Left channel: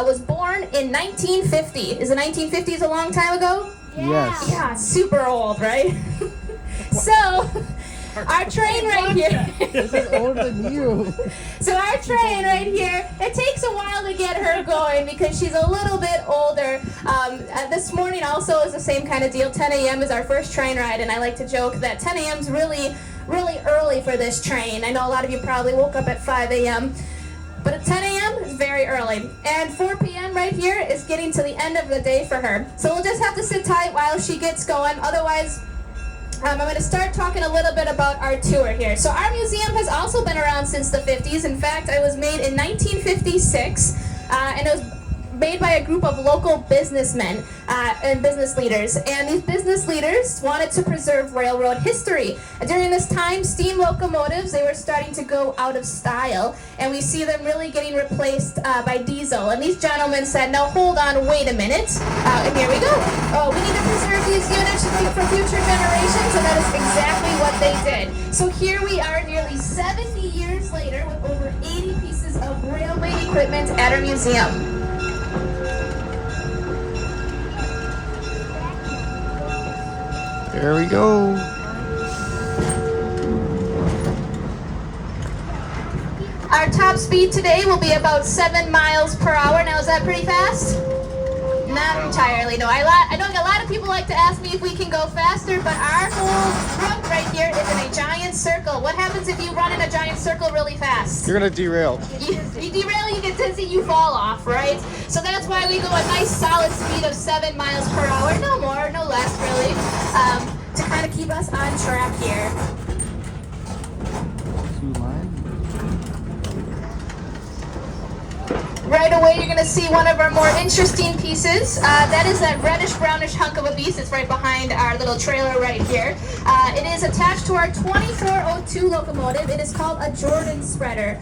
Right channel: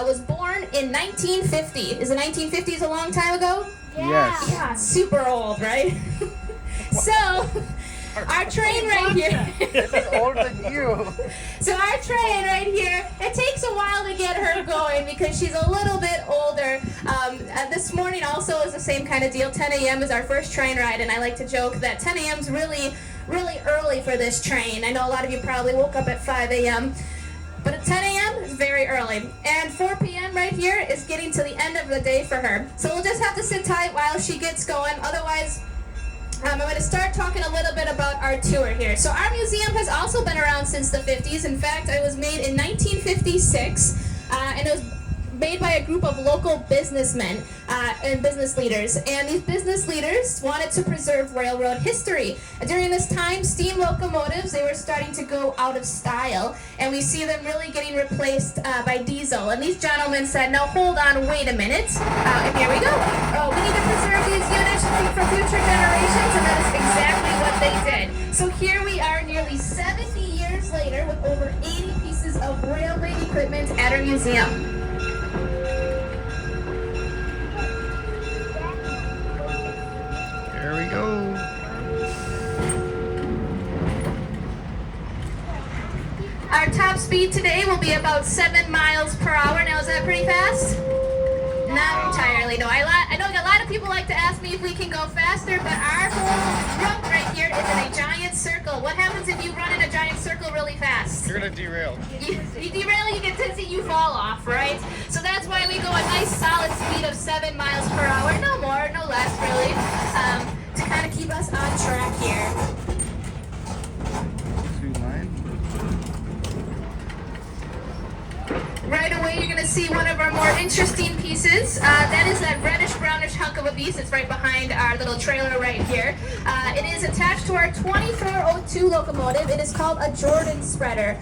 was born in 1950. Is the 1950s a long time ago? Yes. Yeah, super old, right? So, our train right here. This is older than you. So our train right here, it takes a while to get her going because she's a little bit older. This morning also is the same kind of deal. 10 a.m. is our first train ride, and I like to joke that 10 a.m. is really early for this train. I know a lot of you probably woke up at 5 a.m., but at 10 a.m. is very early. And 4 p.m. right here is getting to the end of the day for her. So we'll just have to sit tight while she gets going. Otherwise, I'm going to start talking a little bit about our tour here. So our museum has also been around since the 50s. In fact, it was made in 1956, and it was made by a group of local businessmen and business leaders. And these business leaders wanted to preserve railroad history. During this time, steam locomotives, they were starting to go out of style, and we see them really getting replaced by diesel. And these gentlemen said, no, hold on, wait a minute. And here we go. Oh, we need to preserve these units for future generations, and that is exactly what they did. So here we are nearly 70 years later with over 80 pieces of railway equipment at our museum. There we go. Our top speed today will be about 7 miles per hour. Now, is that pretty fast? Not entirely, no. I know a lot of people like to ask me if we can go faster, but our whole route right here is in a giant circle. What happens if you run in a giant circle really fast? You're gonna derail. You derail, you get dizzy, you fall off, right? So that's why we go a nice solid speed of 7 miles per hour, no more, no less, really, to kind of keep us on track here. Right away, you're going to see one of our more interesting pieces. That is that reddish-brownish hunk of a beast that's right behind our little trailer right here. It is attached to our 2402 locomotive. It is called a Jordan spreader.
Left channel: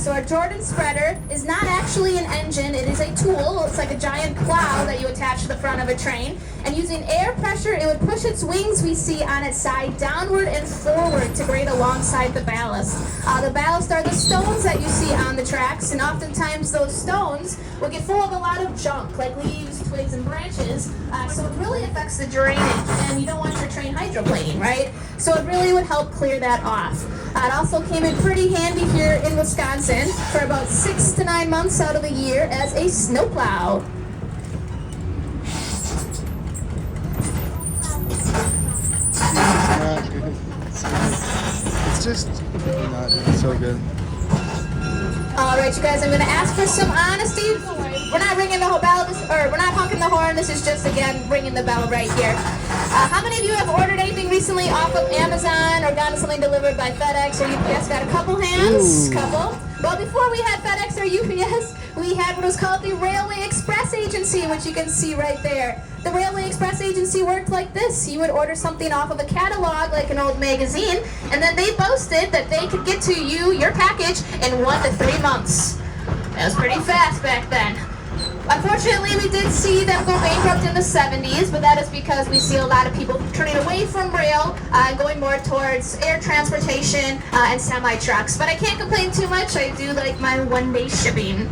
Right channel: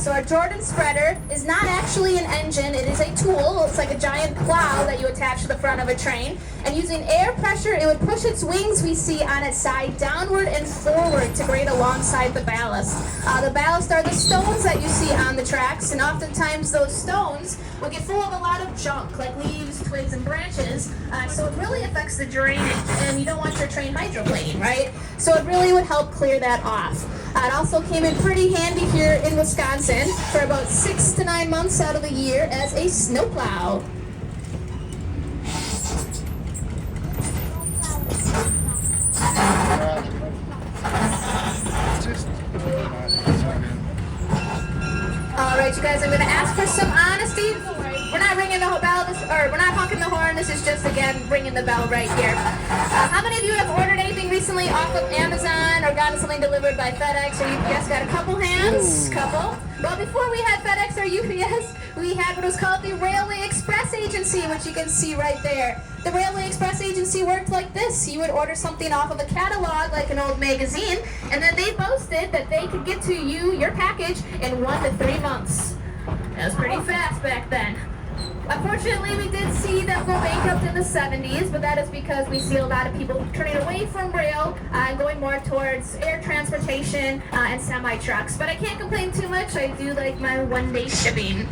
So our Jordan spreader is not actually an engine. It is a tool. It's like a giant plow that you attach to the front of a train. And using air pressure, it would push its wings we see on its side downward and forward to grade alongside the ballast. The ballast are the stones that you see on the tracks, and oftentimes those stones will get full of a lot of junk, like leaves, twigs, and branches, so it really affects the drainage, and you don't want your train hydroplaning, right? So it really would help clear that off. It also came in pretty handy here in Wisconsin for about 6 to 9 months out of the year as a snowplow. It's just so good. All right, you guys, I'm going to ask for some honesty. We're not ringing the bell, we're not honking the horn. This is just, again, ringing the bell right here. How many of you have ordered anything recently off of Amazon or gotten something delivered by FedEx or UPS? Got a couple hands? Couple. Well, before we had FedEx or UPS, we had what was called the Railway Express Agency, which you can see right there. The Railway Express Agency worked like this. You would order something off of a catalog, like an old magazine, and then they boasted that they could get to you, your package, in 1 to 3 months. That was pretty fast back then. Unfortunately, we did see them go bankrupt in the 70s, but that is because we see a lot of people turning away from rail and going more towards air transportation and semi-trucks. But I can't complain too much. I do like my one-way shipping.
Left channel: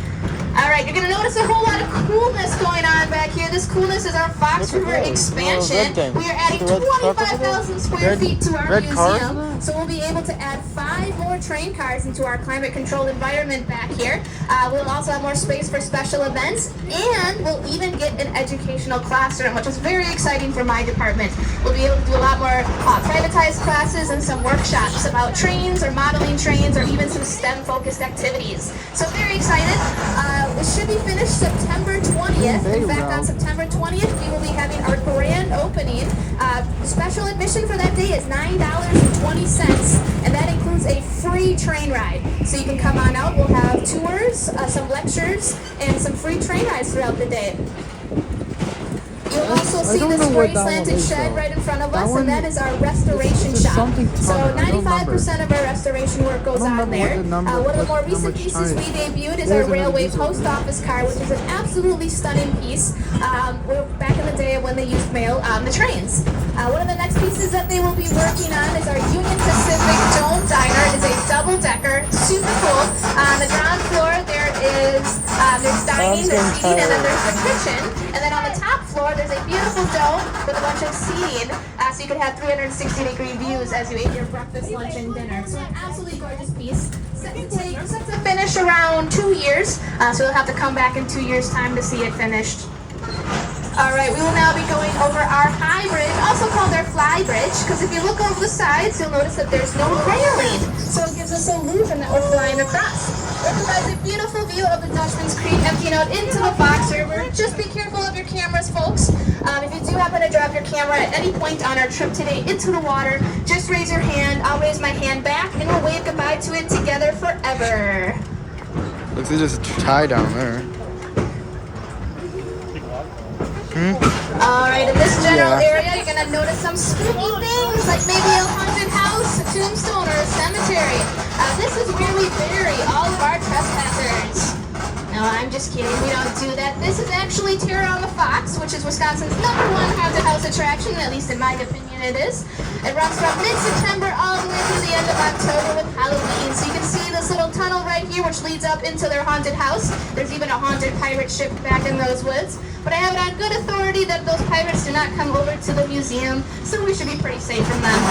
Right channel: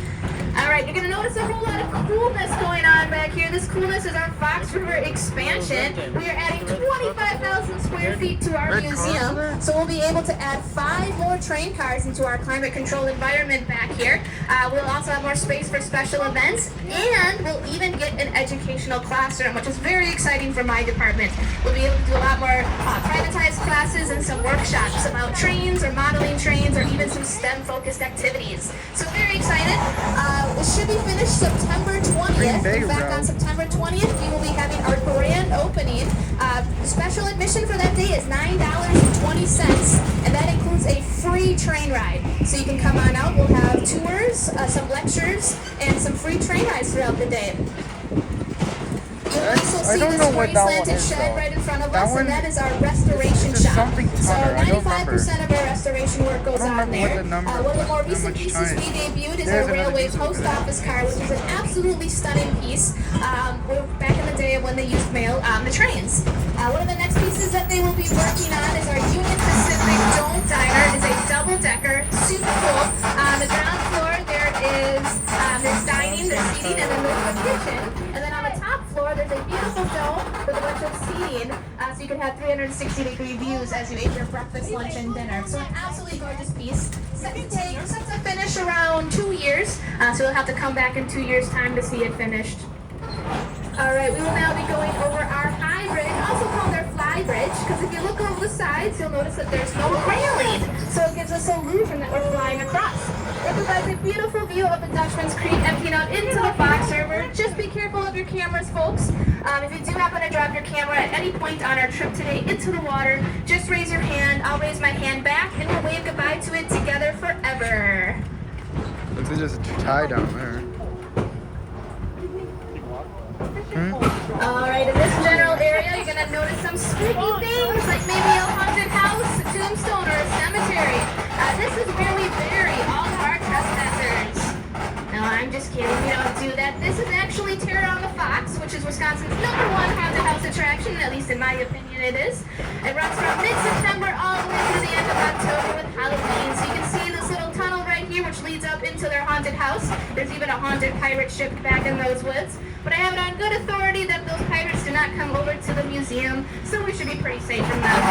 All right, you're going to notice a whole lot of coolness going on back here. This coolness is our Fox River expansion. We are adding 25,000 square feet to our museum, so we'll be able to add 5 more train cars into our climate-controlled environment back here. We'll also have more space for special events, and we'll even get an educational classroom, which is very exciting for my department. We'll be able to do a lot more privatized classes and some workshops about trains or modeling trains or even some STEM-focused activities. So very excited. It should be finished September 20th. In fact, on September 20th, we will be having our grand opening. Special admission for that day is $9.20, and that includes a free train ride. So you can come on out. We'll have tours, some lectures, and some free train rides throughout the day. You'll also see this gray slanted shed right in front of us, and that is our restoration shop. So 95% of our restoration work goes on there. One of the more recent pieces we debuted is our railway post office car, which is an absolutely stunning piece. Back in the day when they used mail on the trains. One of the next pieces that they will be working on is our Union Pacific Dome Diner. It is a double-decker, super cool. On the ground floor, there is there's dining, there's getting seating, and then tired. there's the kitchen. And then on the top floor, there's a beautiful dome with a bunch of seating, so you can have 360-degree views as you eat your breakfast, lunch, and dinner. So an absolutely gorgeous piece. Set to finish around 2 years, so you'll have to come back in 2 years' time to see it finished. All right, we will now be going over our high bridge, also called our fly bridge, because if you look over the sides, you'll notice that there's no railing, so it gives us an illusion that we're flying across. It provides a beautiful view of the Dutchman's Creek emptying out into the Fox River. Just be careful of your cameras, folks. If you do happen to drop your camera at any point on our trip today into the water, just raise your hand. I'll raise my hand back, and we'll wave goodbye to it together forever. Looks like there's a tie down there. All right, in this general Yeah. area, you're gonna notice some spooky things, like maybe a haunted house, a tombstone, or a cemetery. This is where we bury all of our trespassers. No, I'm just kidding. We don't do that. This is actually Terror on the Fox, which is Wisconsin's #1 haunted house attraction. At least in my opinion, it is. It runs from mid-September all the way through the end of October with Halloween. So you can see this little tunnel right here, which leads up into their haunted house. There's even a haunted pirate ship back in those woods. But I have it on good authority that those pirates do not come over to the museum, so we should be pretty safe from them.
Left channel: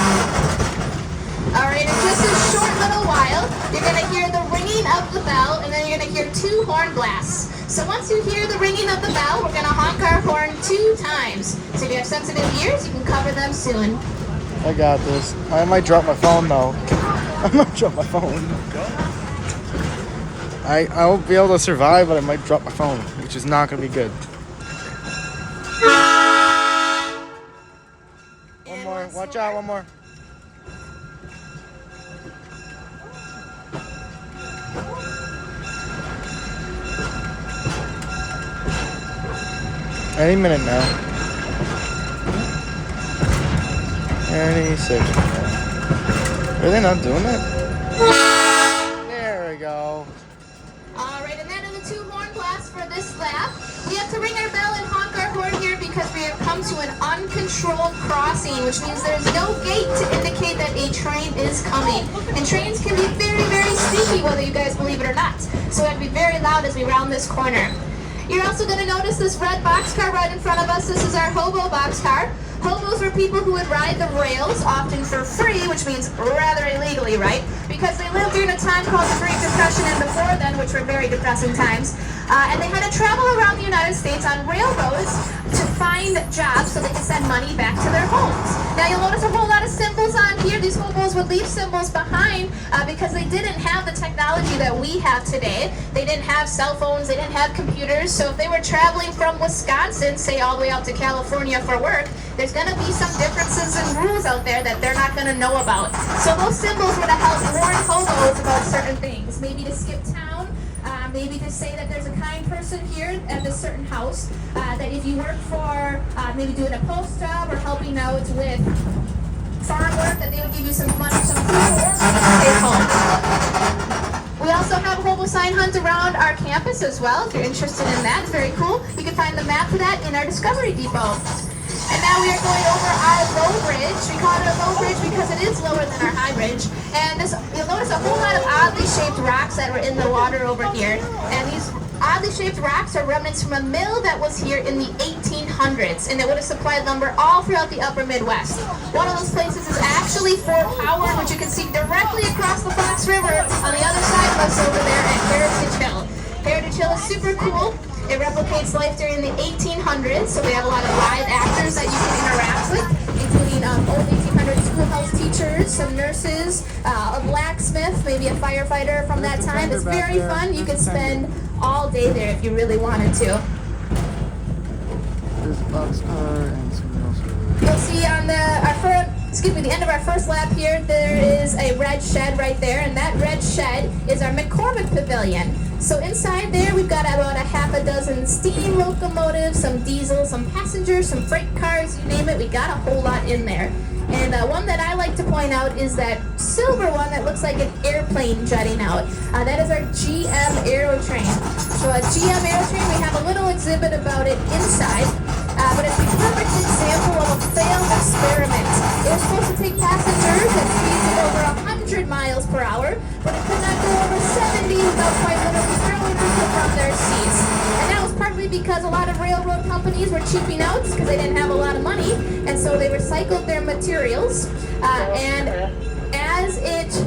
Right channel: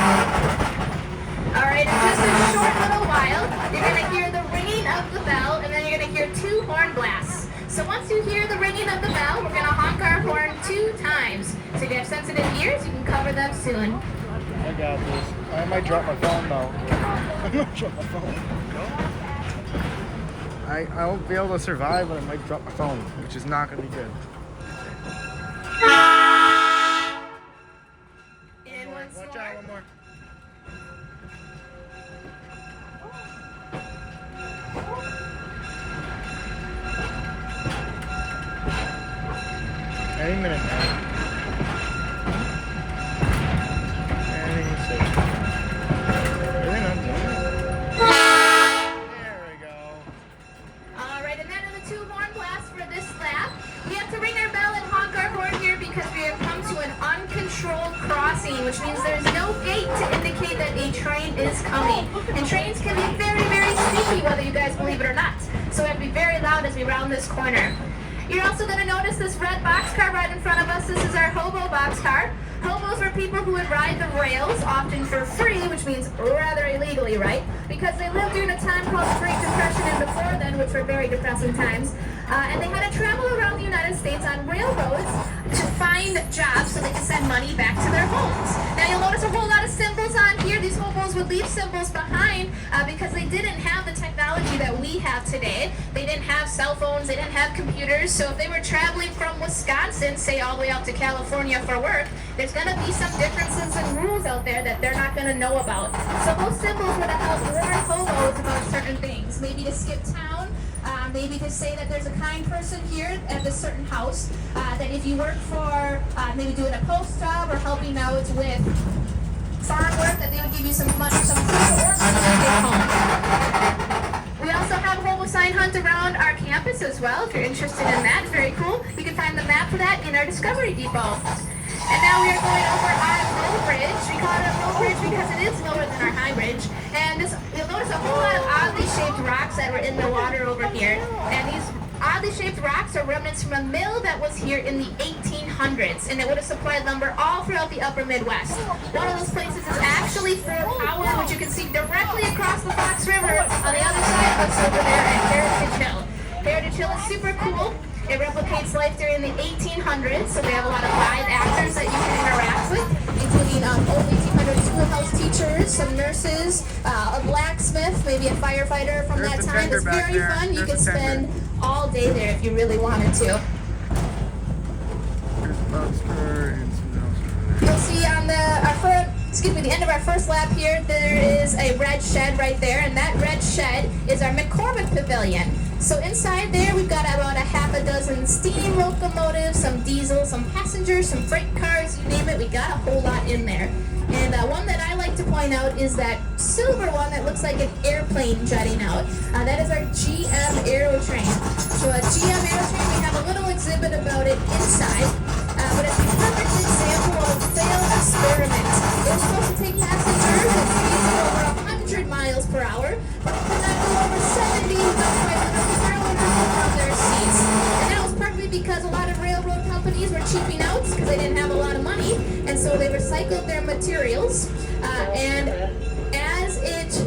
Alright, in just a short little while, you're going to hear the ringing of the bell, and then you're going to hear 2 horn blasts. So once you hear the ringing of the bell, we're going to honk our horn 2 times. So if you have sensitive ears, you can cover them soon. I got this. I might drop my phone though. I might drop my phone. I won't be able to survive, but I might drop my phone, which is not gonna be good. One more. Watch out. One more. Any minute now. Any second now. Are they not doing that? There we go. Alright, and then in the 2 horn blasts for this lap, we have to ring our bell and honk our horn here because we have come to an uncontrolled crossing, which means there's no gate to indicate that a train is coming. And trains can be very, very sneaky, whether you guys believe it or not. So we have to be very loud as we round this corner. You're also going to notice this red boxcar right in front of us. This is our hobo boxcar. Hobos were people who would ride the rails, often for free, which means rather illegally, right? Because they lived during a time called the Great Depression and before then, which were very depressing times. And they had to travel around the United States on railroads to find jobs so they could send money back to their homes. Now you'll notice a whole lot of symbols on here. These hobos would leave symbols behind because they didn't have the technology that we have today. They didn't have cell phones, they didn't have computers, so if they were traveling from Wisconsin, say all the way out to California for work, there's going to be some differences in rules out there that they're not going to know about. So those symbols were to help warn hobos about certain things, maybe to skip town, maybe to say that there's a kind person here at this certain house, that if you work for maybe doing a post job or helping out with farm work, that they would give you some money, some food, or stay home. We also have a hobo sign hunt around our campus as well. If you're interested in that, it's very cool. You can find the map for that in our Discovery Depot. And now we are going over our low bridge. We call it a low bridge because it is lower than our high bridge. And you'll notice a whole lot of oddly shaped rocks that were in the water over here. And these oddly shaped rocks are remnants from a mill that was here in the 1800s. And it would have supplied lumber all throughout the upper Midwest. One of those places is actually Fort Howard, which you can see directly across the Fox River on the other side of us over there at Heritage Hill. Heritage Hill is super cool. It replicates life during the 1800s, so we have a lot of live actors that you can interact with, including old 1800s schoolhouse teachers, some nurses, a blacksmith, maybe a firefighter from that time. It's very fun. You could spend all day there if you really wanted to. There's a boxcar and something else. You'll see on the end of our first lap here, there is a red shed right there, and that red shed is our McCormick Pavilion. So inside there, we've got about a half a dozen steam locomotives, some diesel, some passengers, some freight cars, you name it. We got a whole lot in there. And one that I like to point out is that silver one that looks like an airplane jutting out. That is our GM Aerotrain. So a GM Aerotrain, we have a little exhibit about it inside. But it's a perfect example of a failed experiment. It was supposed to take passengers at speeds of over 100 miles per hour, but it could not go over 70 without quite literally throwing because a lot of railroad companies were cheaping out because they didn't have a lot of money, and so they recycled their materials. And as it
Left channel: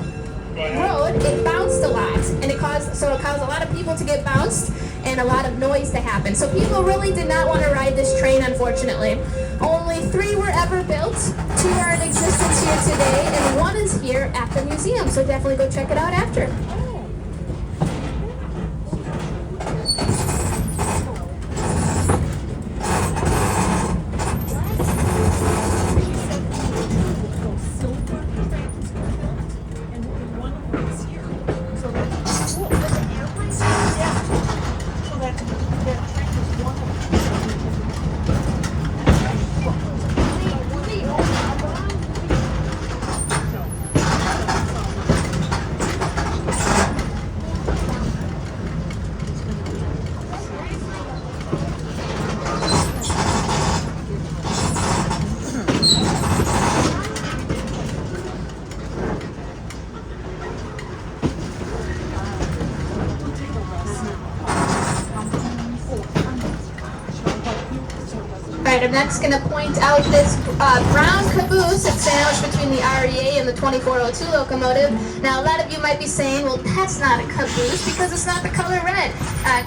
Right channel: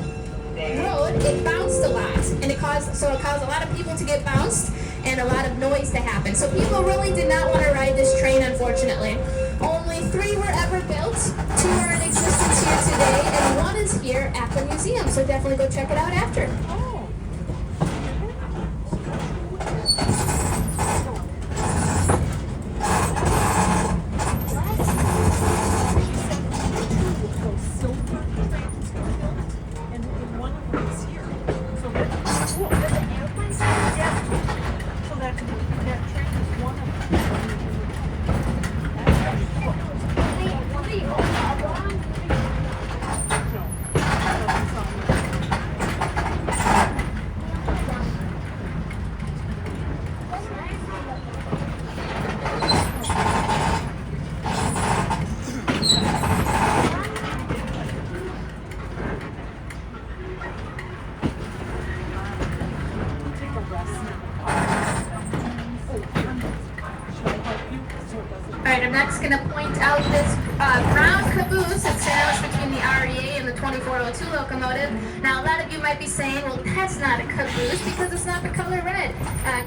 rode, it bounced a lot, and it caused a lot of people to get bounced and a lot of noise to happen. So people really did not want to ride this train, unfortunately. Only 3 were ever built, 2 are in existence here today, and 1 is here at the museum. So definitely go check it out after. Alright, I'm next going to point out this brown caboose that's sandwiched between the REA and the 2402 locomotive. Now, a lot of you might be saying, well, that's not a caboose because it's not the color red.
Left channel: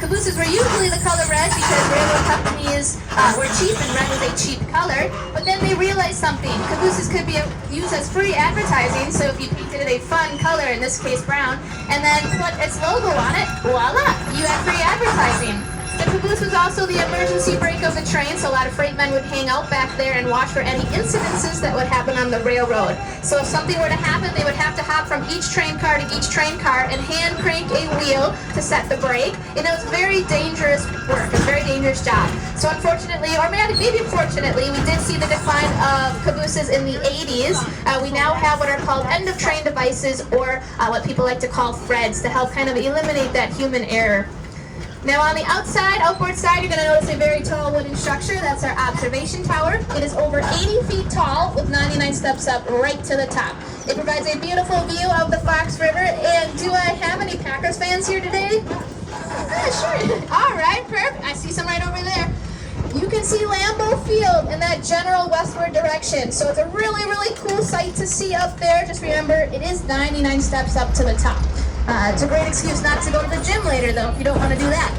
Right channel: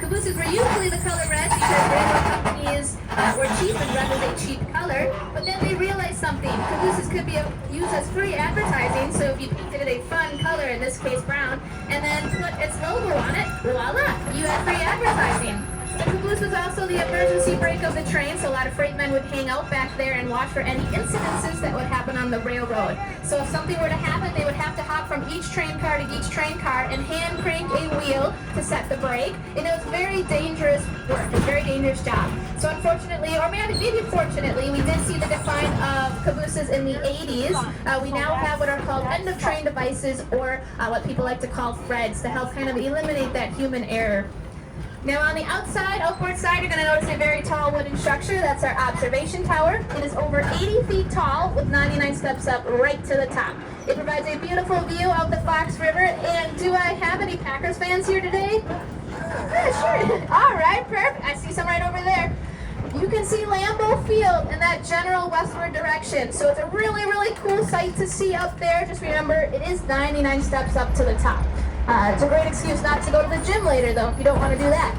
Cabooses were usually the color red because railroad companies were cheap and red was a cheap color. But then they realized something. Cabooses could be used as free advertising, so if you painted it a fun color, in this case brown, and then put its logo on it, voila, you have free advertising. The caboose was also the emergency brake of the train, so a lot of freight men would hang out back there and watch for any incidences that would happen on the railroad. So if something were to happen, they would have to hop from each train car to each train car and hand crank a wheel to set the brake. And it was very dangerous work, a very dangerous job. So unfortunately, or maybe fortunately, we did see the decline of cabooses in the 80s. We now have what are called end-of-train devices, or what people like to call FREDs, to help kind of eliminate that human error. Now on the outside, outboard side, you're going to notice a very tall wooden structure. That's our observation tower. It is over 80 feet tall with 99 steps up right to the top. It provides a beautiful view of the Fox River. And do I have any Packers fans here today? Yeah, sure. All right, perfect. I see some right over there. You can see Lambeau Field in that general westward direction. So it's a really, really cool sight to see up there. Just remember, it is 99 steps up to the top. It's a great excuse not to go to the gym later, though, if you don't want to do that.